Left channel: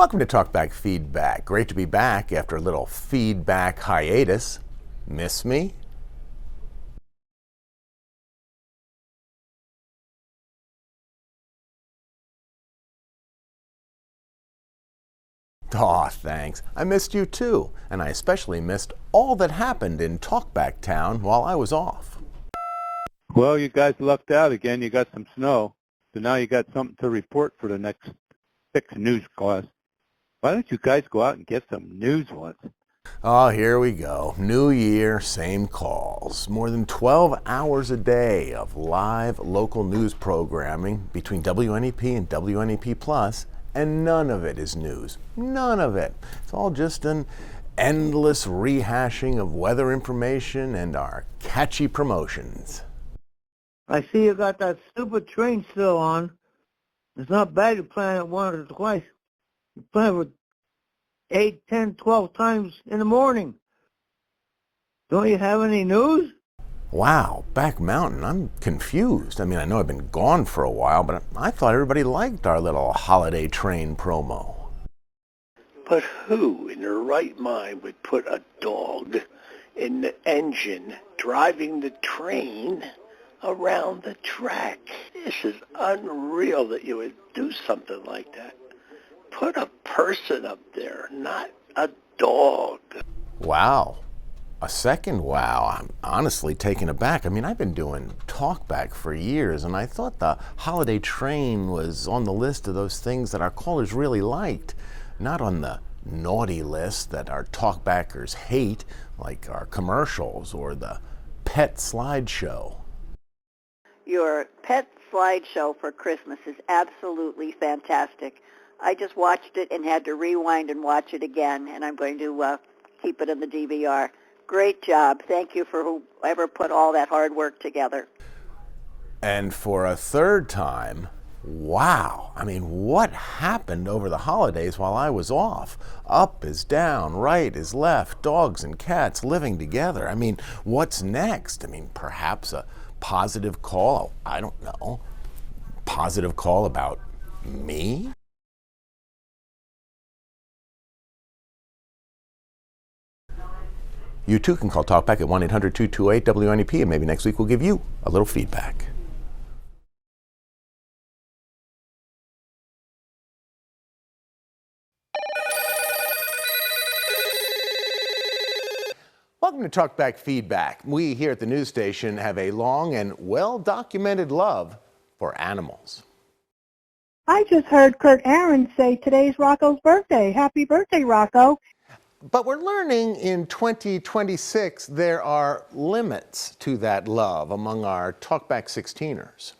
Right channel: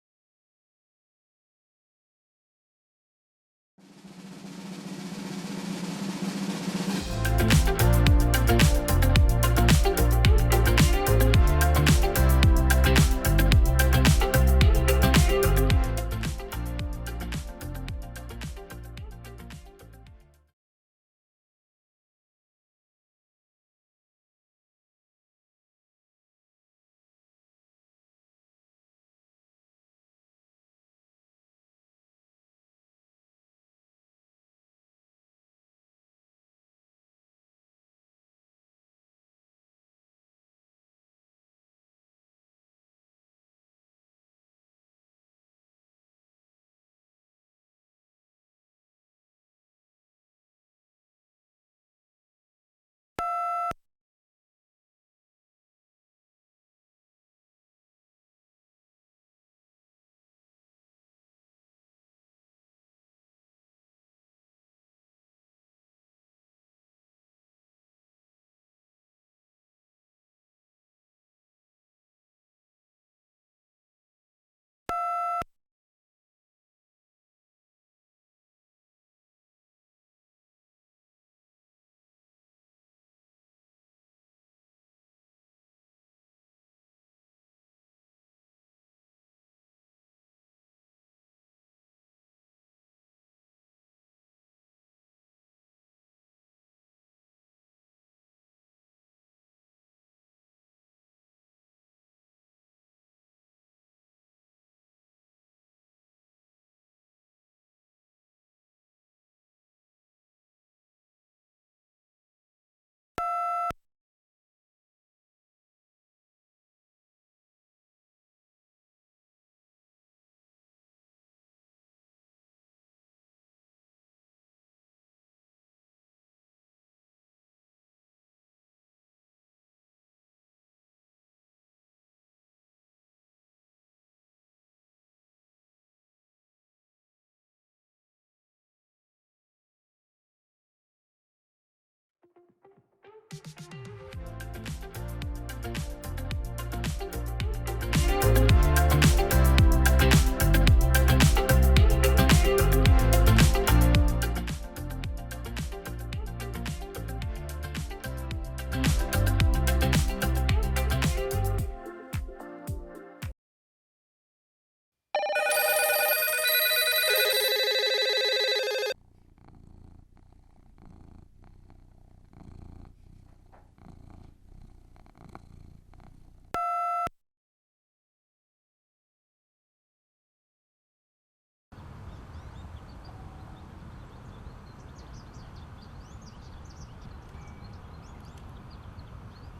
Welcome to Talkback Feedback. Great to be back after a little feedback hiatus. Miss me? Aw, thanks. I missed you too, and I especially missed all that happened in Talkback Town while I was off. Well, you guys lucked out again. You got some snow, so now you got something to report for the next 6 news class. Why don't you guys go out and get some news once? Oh, here we go. New year, same calls. More than 12 hours a day of live local news programming between WNEP and WNEP Plus, and none of it is news. None of it. It's all just an endless rehashing of weather information and our catchy promotions. I see you got that stupid train still on. It's not bad you plan it once or twice. You plan it 8, 10, 12 times in the morning. Don't you have any news? Wow, Back Mountain, I'm confused. I mean, I know I've been gone for a while, but I thought everybody liked our little holiday train promo. But who in their right mind would put a dog in the engine driving the train around the track? This is unreal that you would do something like that. Put a person up there, not a dog. Wow. A second wow. I'm honestly taken aback. I mean, I've been doing Talkback for years, and I thought the holiday train was on the list of those things that our callers really liked, not on the naughty list that our Talkbackers hate, like our commercials or the pet slideshow. Your pet slideshow for Christmas is absolutely fantastic. I just watched it and had to rewind and watch it again, and I'm going to keep it in the DVR. Great job. Thank you for whoever put all that hard work together. And for a third time, wow. I mean, what happened over the holidays while I was off? Up is down, right is left, dogs and cats living together. I mean, what's next? I mean, perhaps a positive call, I don't know. Positive call about me? You too can call Talkback at 1-800-228-WNEP, and maybe next week we'll give you a little feedback. Welcome to Talkback Feedback. We here at the news station have a long and well-documented love for animals. I just heard Kurt Aaron say today's Rocco's birthday. Happy birthday, Rocco. But we're learning in 2026 there are limits to that love among our Talkback 16ers.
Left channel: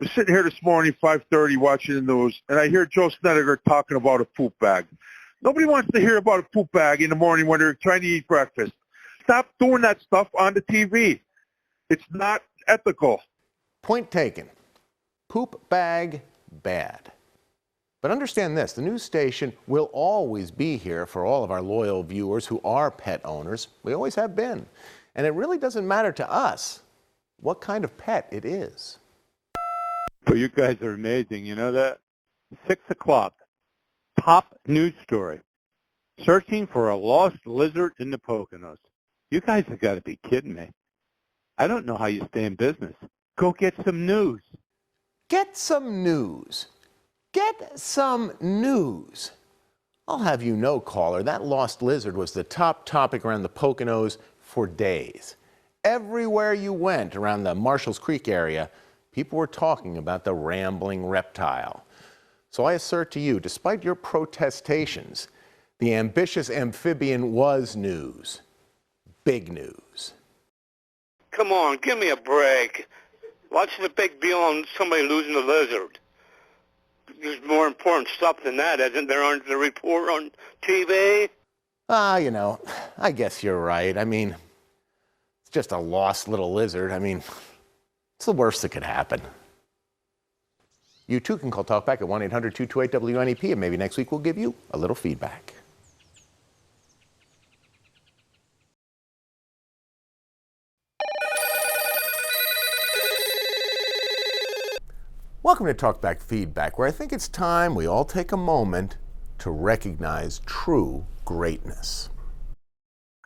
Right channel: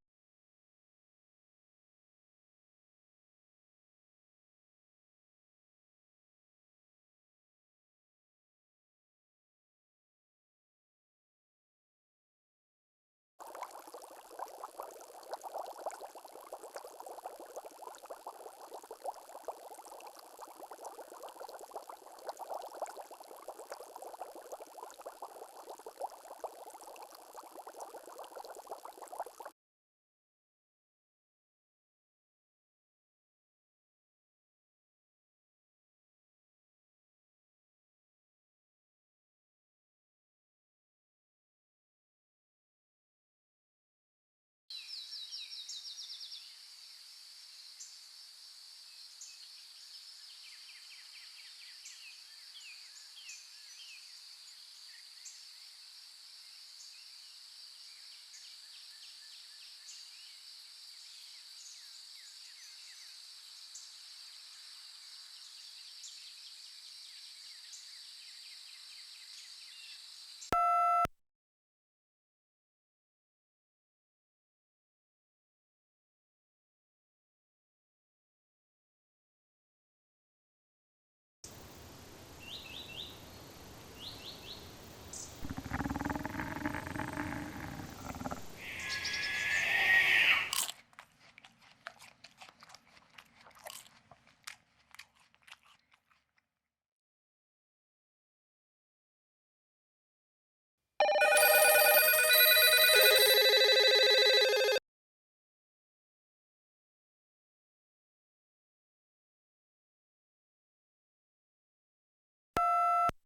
I'm sitting here this morning, 5:30, watching the news, and I hear Joe Snedeker talking about a poop bag. Nobody wants to hear about a poop bag in the morning when they're trying to eat breakfast. Stop doing that stuff on the TV. It's not ethical. Point taken. Poop bag, bad. But understand this, the news station will always be here for all of our loyal viewers who are pet owners. We always have been. And it really doesn't matter to us what kind of pet it is. But you guys are amazing, you know that? 6 o'clock, top news story. Searching for a lost lizard in the Poconos. You guys have got to be kidding me. I don't know how you stay in business. Go get some news. Get some news. Get some news. I'll have you know, caller, that lost lizard was the top topic around the Poconos for days. Everywhere you went around the Marshalls Creek area, people were talking about the rambling reptile. So I assert to you, despite your protestations, the ambitious amphibian was news. Big news. Come on, give me a break. What's the big deal on somebody losing a lizard? There's more important stuff than that, isn't there, on the report on TV? You know, I guess you're right. I mean, just a lost little lizard. I mean, it's the worst that could happen. You too can call Talkback at 1-800-228-WNEP, and maybe next week we'll give you a little feedback. Welcome to Talkback Feedback, where I think it's time we all take a moment to recognize true greatness.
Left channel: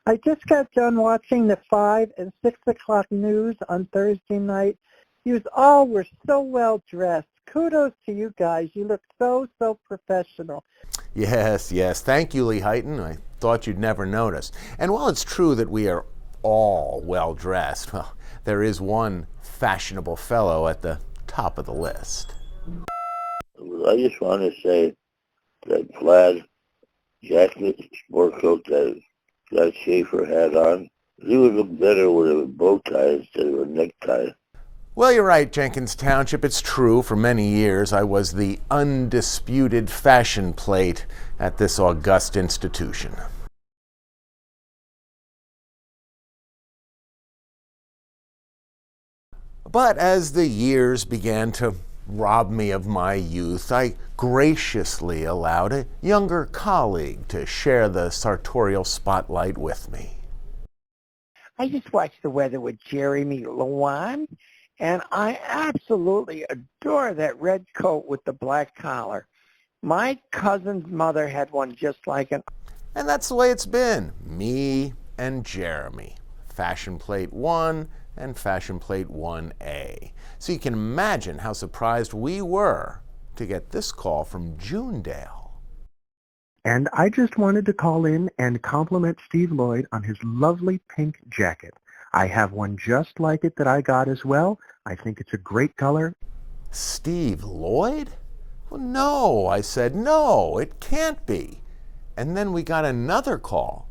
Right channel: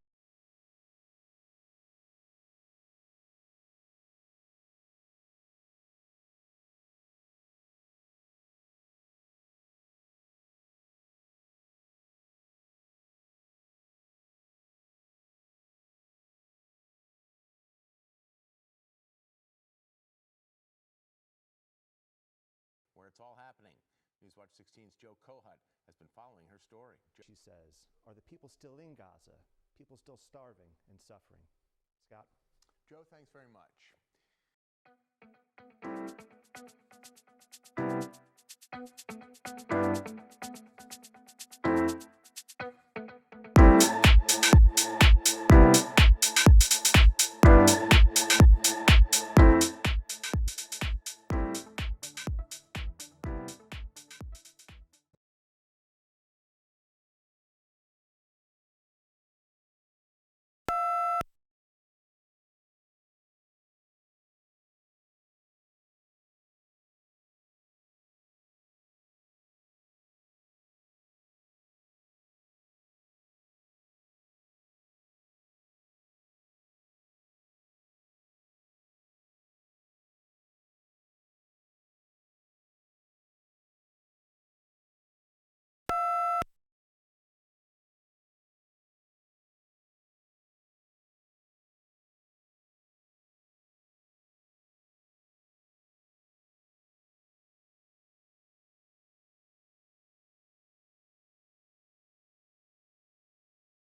I just got done watching the 5 and 6 o'clock news on Thursday night. You all were so well dressed. Kudos to you guys. You look so professional. Yes, yes. Thank you, Lee Heighton. I thought you'd never notice. And while it's true that we are all well dressed, well, there is one fashionable fellow at the top of the list. I just want to say that plaid jacket, sport coat that Scott Schaffer had on, he would look better with a bow tie instead of a necktie. Well, you're right, Jenkins Township. It's true. For many years, I was the undisputed fashion plate at this august institution. But as the years began to rob me of my youth, I graciously allowed a younger colleague to share the sartorial spotlight with me. I just watched the weather with Jeremy Lewan, and I absolutely adore that red coat with the black collar. My cousin's mother had one just like it. And that's the way it's been. Me and Jeremy. Fashion Plate 1 and Fashion Plate 1A. So you can imagine how surprised we were to get this call from Junedale. And I just wanted to call in and compliment Steve Lloyd on his lovely pink jacket. I have one just like it that I got as well. I think it's a great color. Steve Lloyd? Well, no, I said, no, it can't be. And then we got another call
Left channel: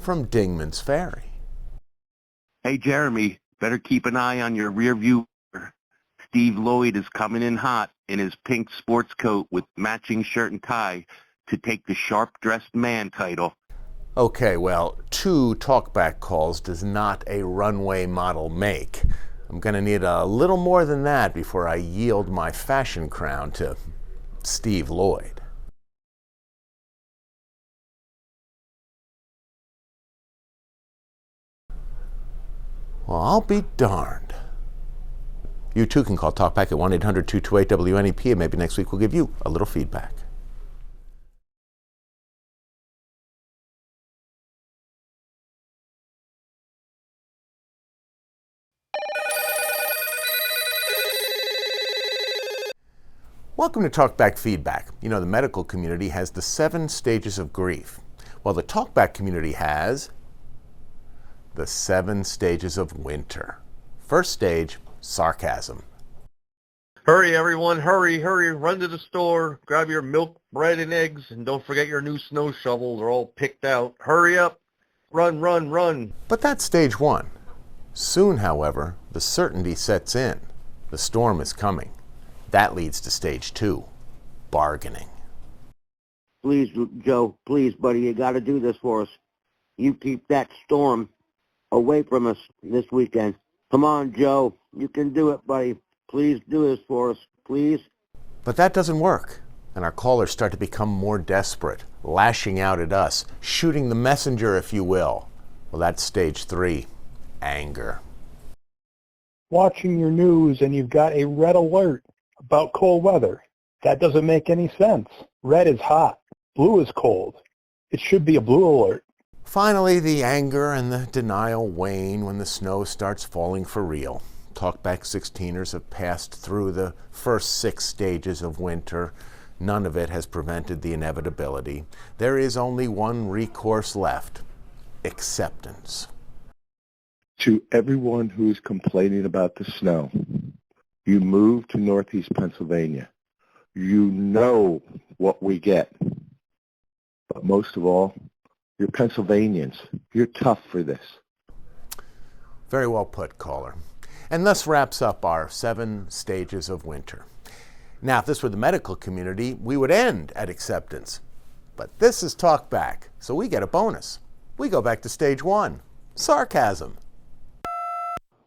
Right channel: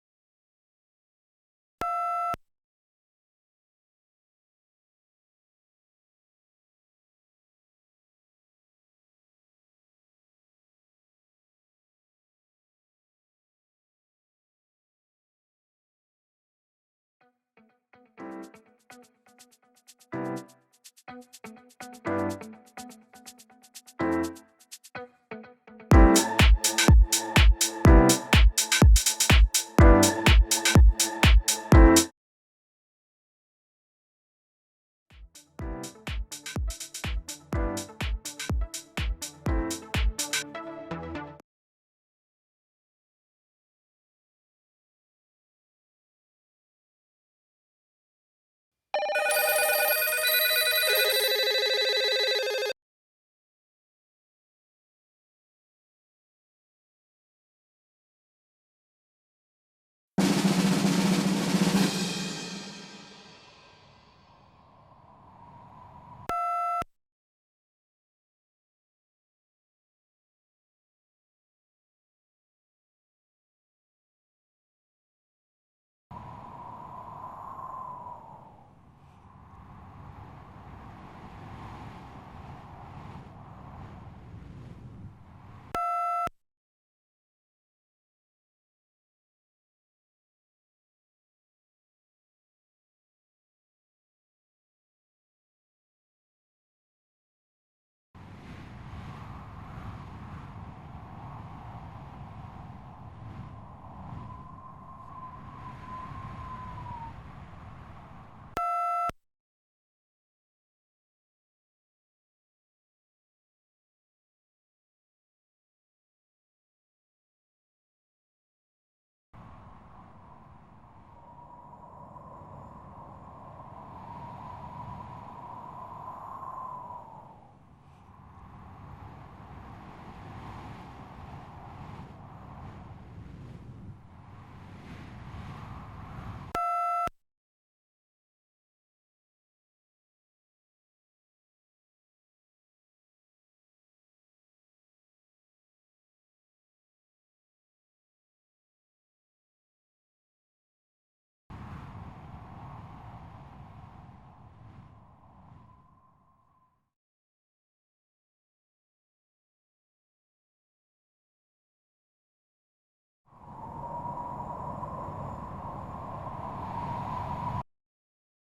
from Dingman's Ferry. Hey, Jeremy, better keep an eye on your rear view. Steve Lloyd is coming in hot in his pink sports coat with matching shirt and tie to take the sharp-dressed man title. Okay, well, 2 talkback calls does not a runway model make. I'm going to need a little more than that before I yield my fashion crown to Steve Lloyd. Well, I'll be darned. You too can call Talkback at 1-800-228-WNEP, and maybe next week we'll give you a little feedback. Welcome to Talkback Feedback. You know, the medical community has the 7 stages of grief. Well, the Talkback community has the 7 stages of winter. First stage, sarcasm. Hurry, everyone, hurry, hurry, run to the store, grab your milk, bread, and eggs, and don't forget your new snow shovel. They're all picked out. Hurry up, run, run, run. But that's stage 1. Soon, however, the certainty sets in. The storm is coming. That leads to stage 2, bargaining. Please, Joe, please, buddy, you got to do this for us. You keep that storm away from us this weekend. Come on, Joe. You can do it, buddy. Please do this for us, please. But that doesn't work, and our callers start to become more desperate, lashing out at us, shooting the messenger, if you will. Well, that's stage 3, anger. Watching your news and you've got a red alert about cold weather. That doesn't make any sense. Red is hot. Blue is cold. It should be a blue alert. Finally, the anger and the denial wane when the snow starts falling for real. Talkback 16ers have passed through the first 6 stages of winter. None of it has prevented the inevitability. There is only one recourse left: acceptance. To everyone who's complaining about the snow, you move to Northeast Pennsylvania. You know what we get. But most of all, you're Pennsylvanians. You're tough for this. Very well put, caller. And thus wraps up our 7 stages of winter. Now, if this were the medical community, we would end at acceptance. But this is Talkback, so we get a bonus. We go back to stage 1, sarcasm.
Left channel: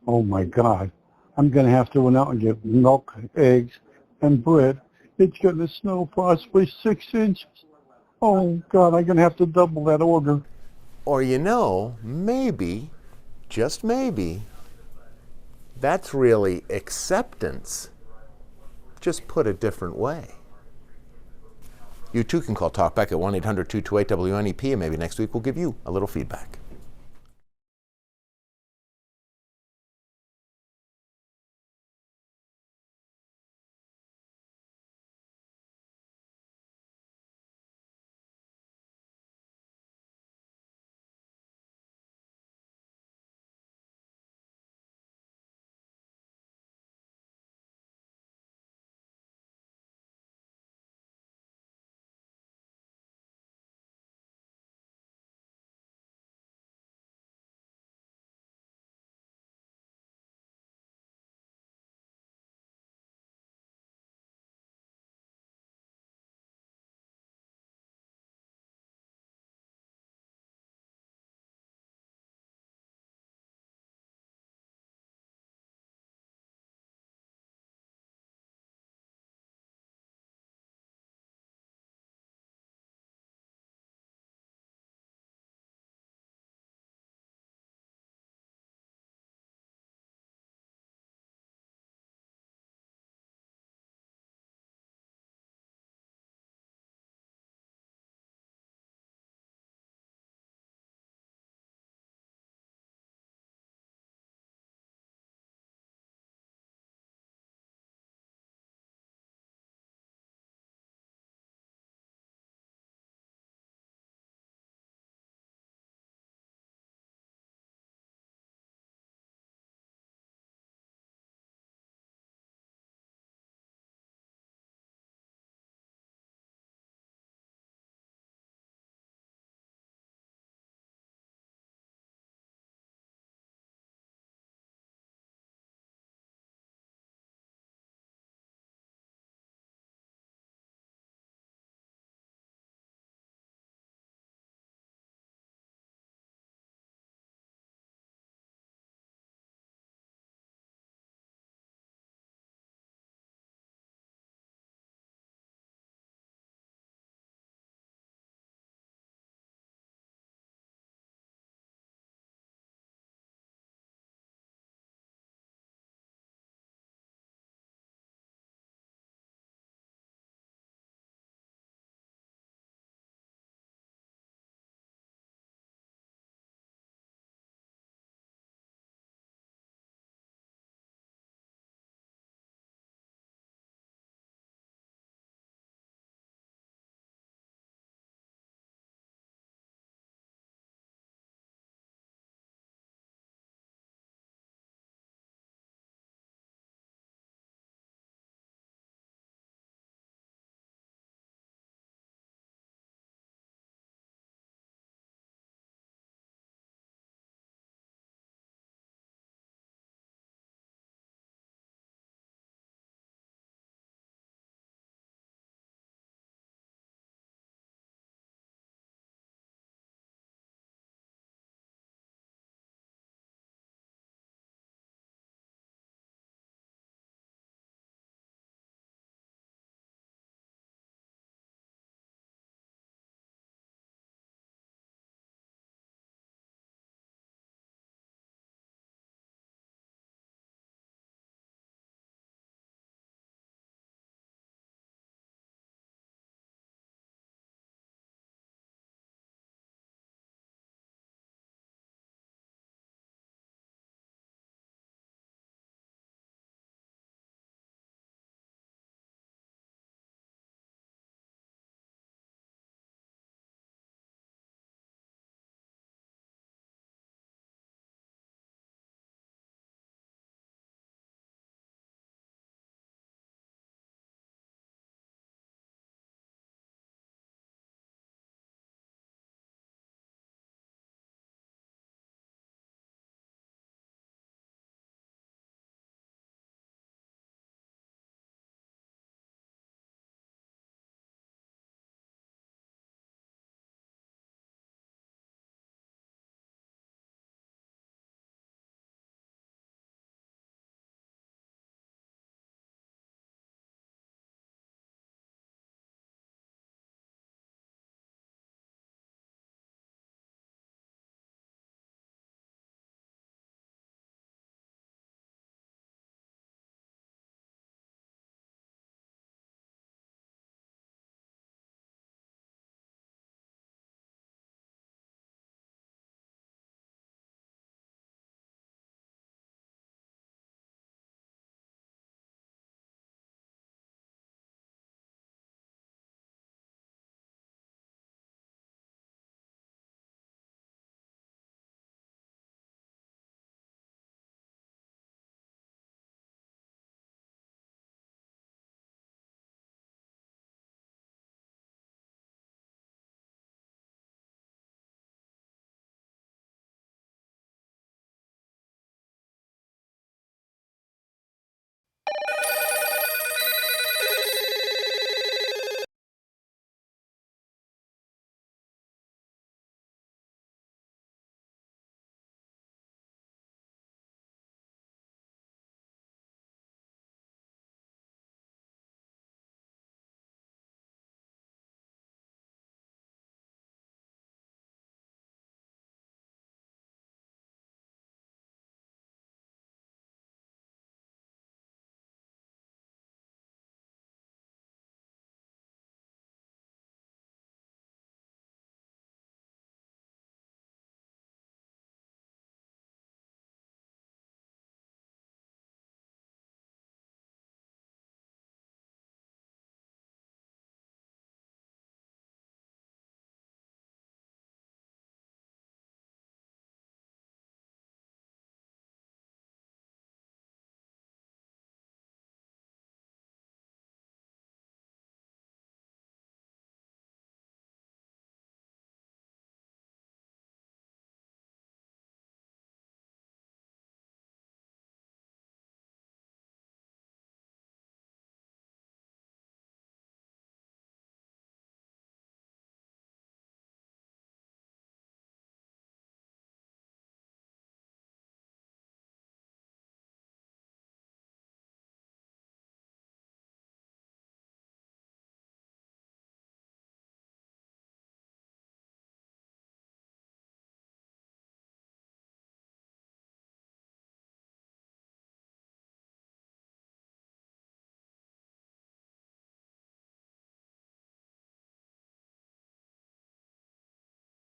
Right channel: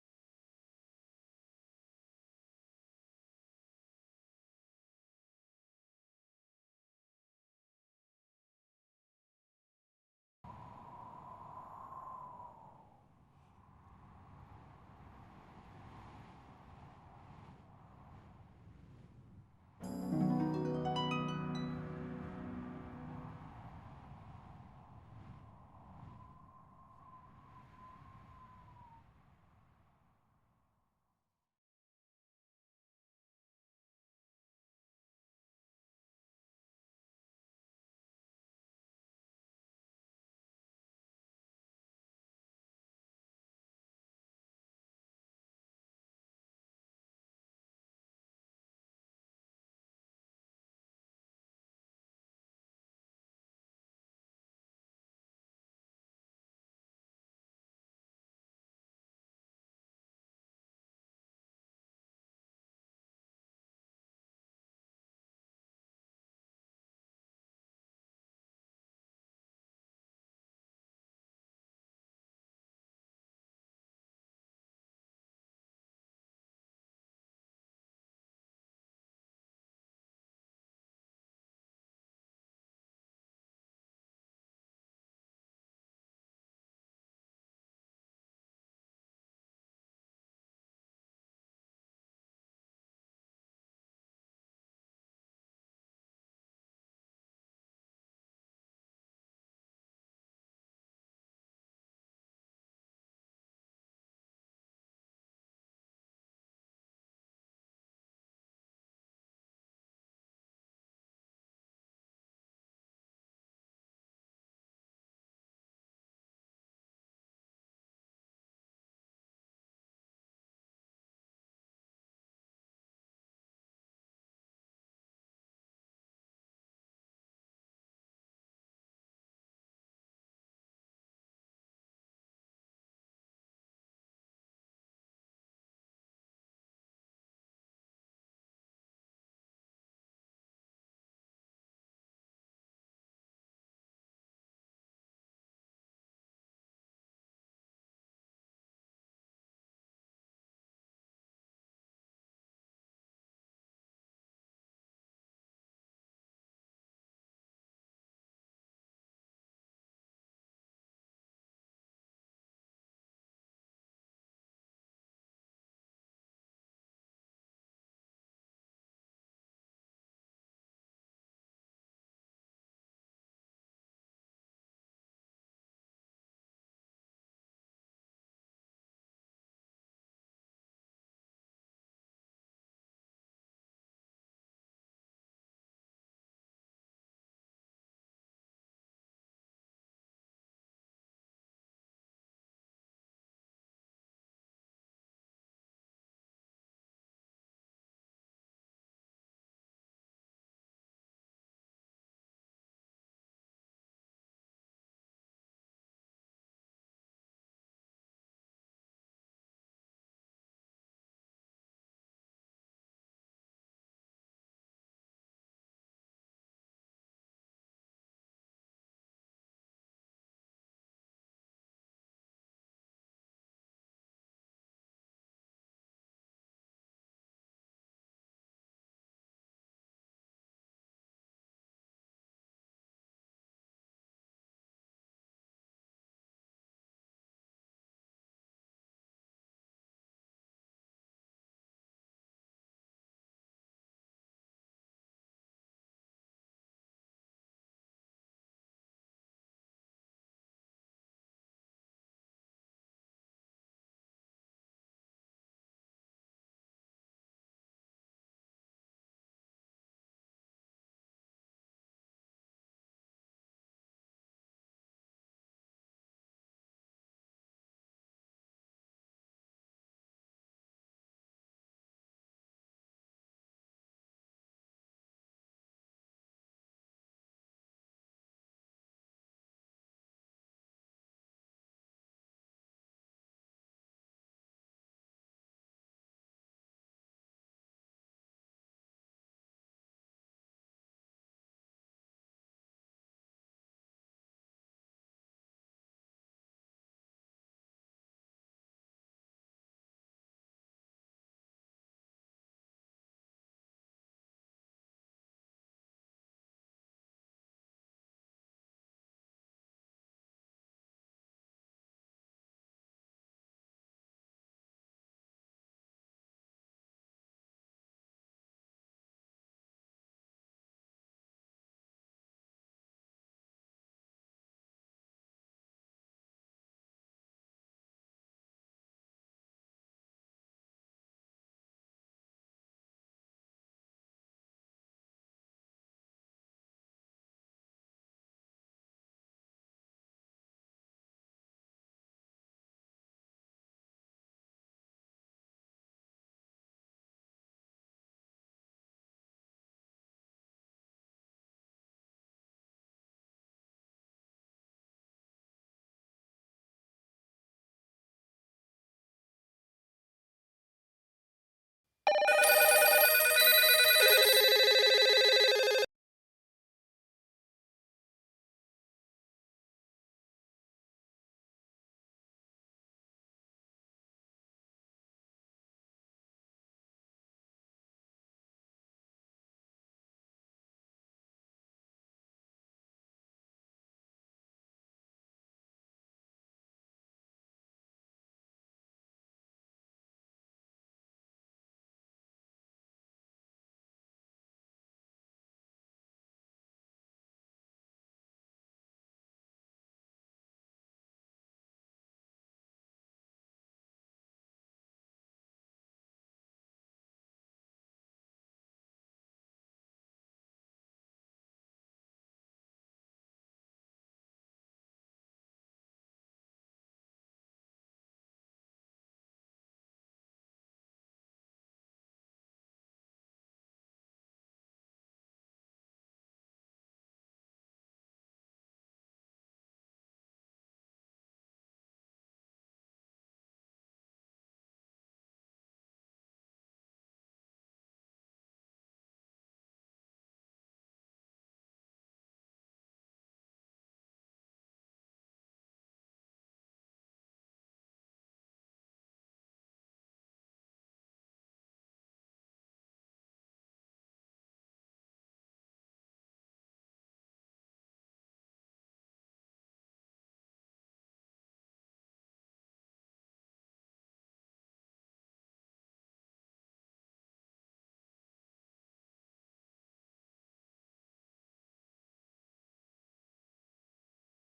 Oh my God. I'm going to have to run out and get milk, eggs, and bread. It's going to snow possibly 6 inches. Oh God, I'm going to have to double that order. Or you know, maybe, just maybe, that's really acceptance, just put a different way. You too can call Talkback at 1-800-228-WNEP, and maybe next week we'll give you a little feedback.